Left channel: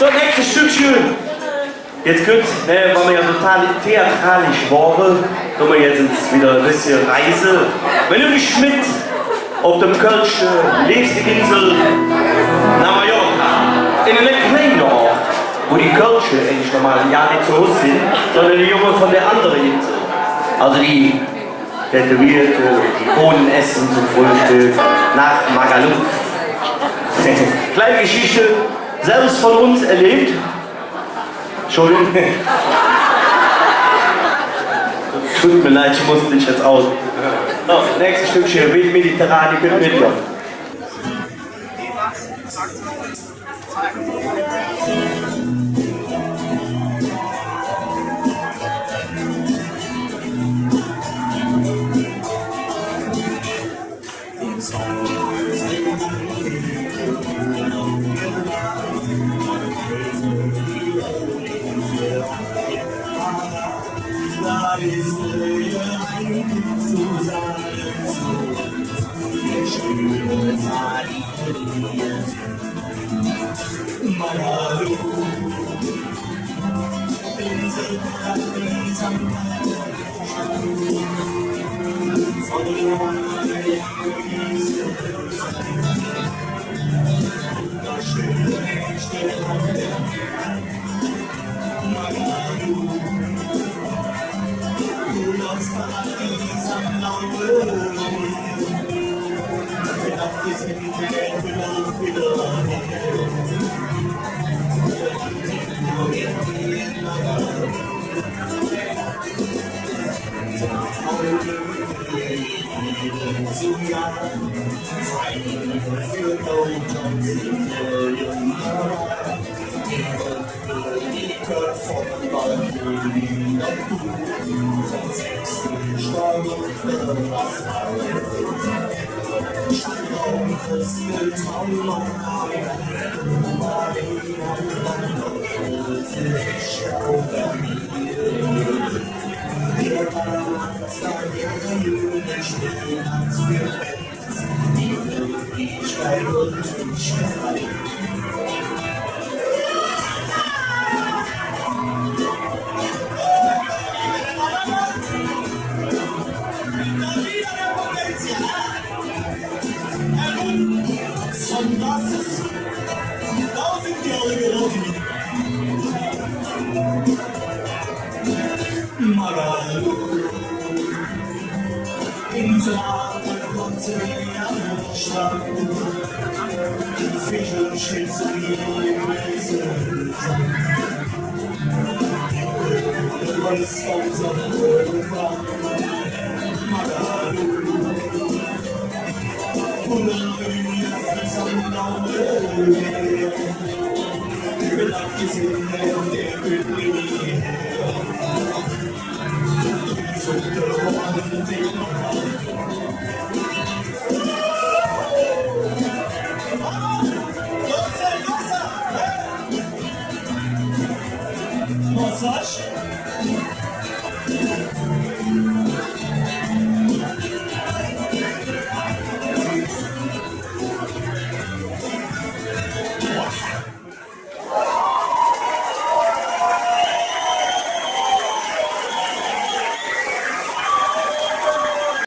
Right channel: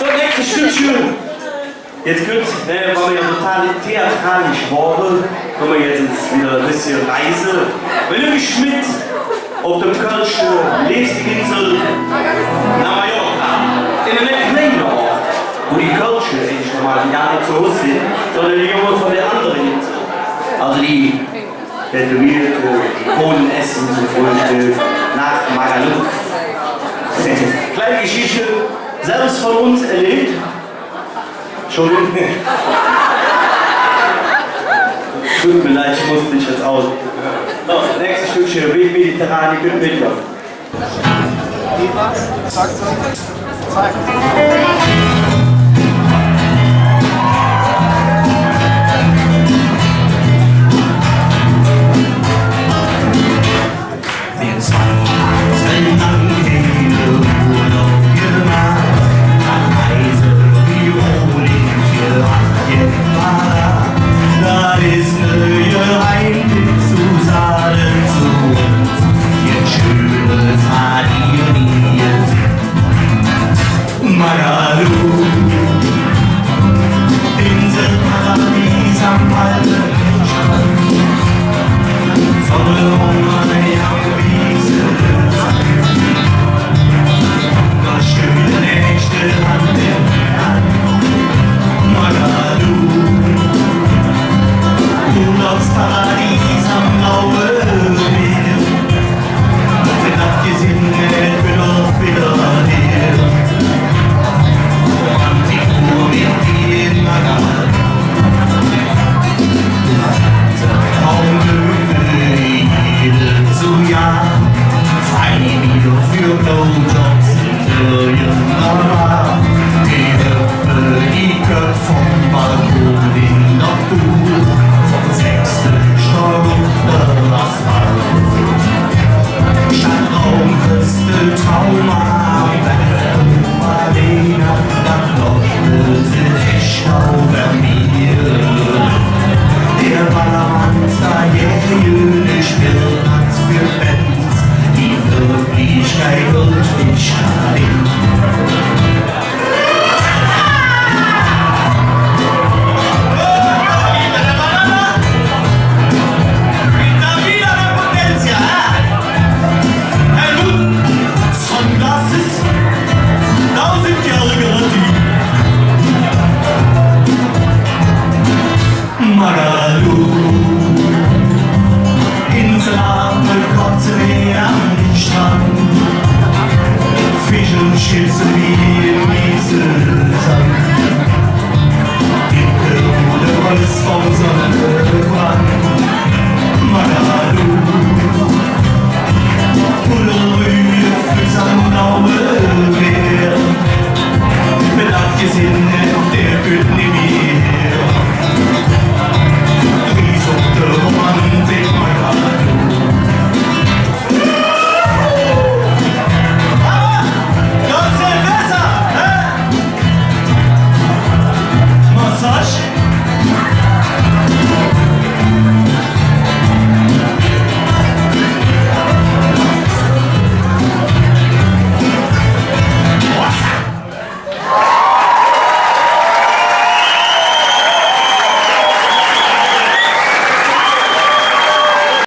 So, nächstes Stückchen. Jetzt gut, weil wir ja total theatralisch waren, kommen wir jetzt wieder ein bisschen Reise. Wenn du mich mit auf dem Kölschen Lebensgesinsel nach Mallorca, in einem kleinen Ort, wo die Kölsche eigentlich normal gar nicht so hoch sind, sondern die Jungen von der anderen Insel. Also die Tätowierte, die Bohnen essen zum Frühstück, nach Magaluf. Kleine Geschichte, selbst von uns erlebt. Entschuldigung. Tut mir leid, ich musste dich jetzt aus. So, nächstes Stückchen, Weg Mediterran, ihr könnt mitkommen. Wir 2 Tage lang keine Urlaub gemacht, nach Reise wie Rohling das ist neue Heimweg zu Saalen zu uns, jetzt schönes Sardinien. Magaluf, Inselparadies am alten Strand, Sonne um eine junge Wiese, das schöne Nächte Hand in Hand. Magaluf, Urlaubsparadies am blauen Meer, mit abgesehen wird auch wieder her. Romantik nur wie in Magaluf, Traumlöwe jedem Jahr, 2 Mio für Blowjobs in der Mauer, die Höfe, die Köpfe vom Balkon in der Pool, vom 6. Stock unter Asphalt. Stadtraumküste, Trauma am Berg, Marlena, dann leuchtet sich über mir. Der Ballermann, da jährlich Spirnatz für Bands, die Wirklichkeit und ich rein. Magaluf, Inselarme, Kotze am Strand, Fisch und Chips wie im Mieselsand, dicke Holz vom Sonnenbrand. Magaluf, Pullerrühe, Füße am blauen Meer.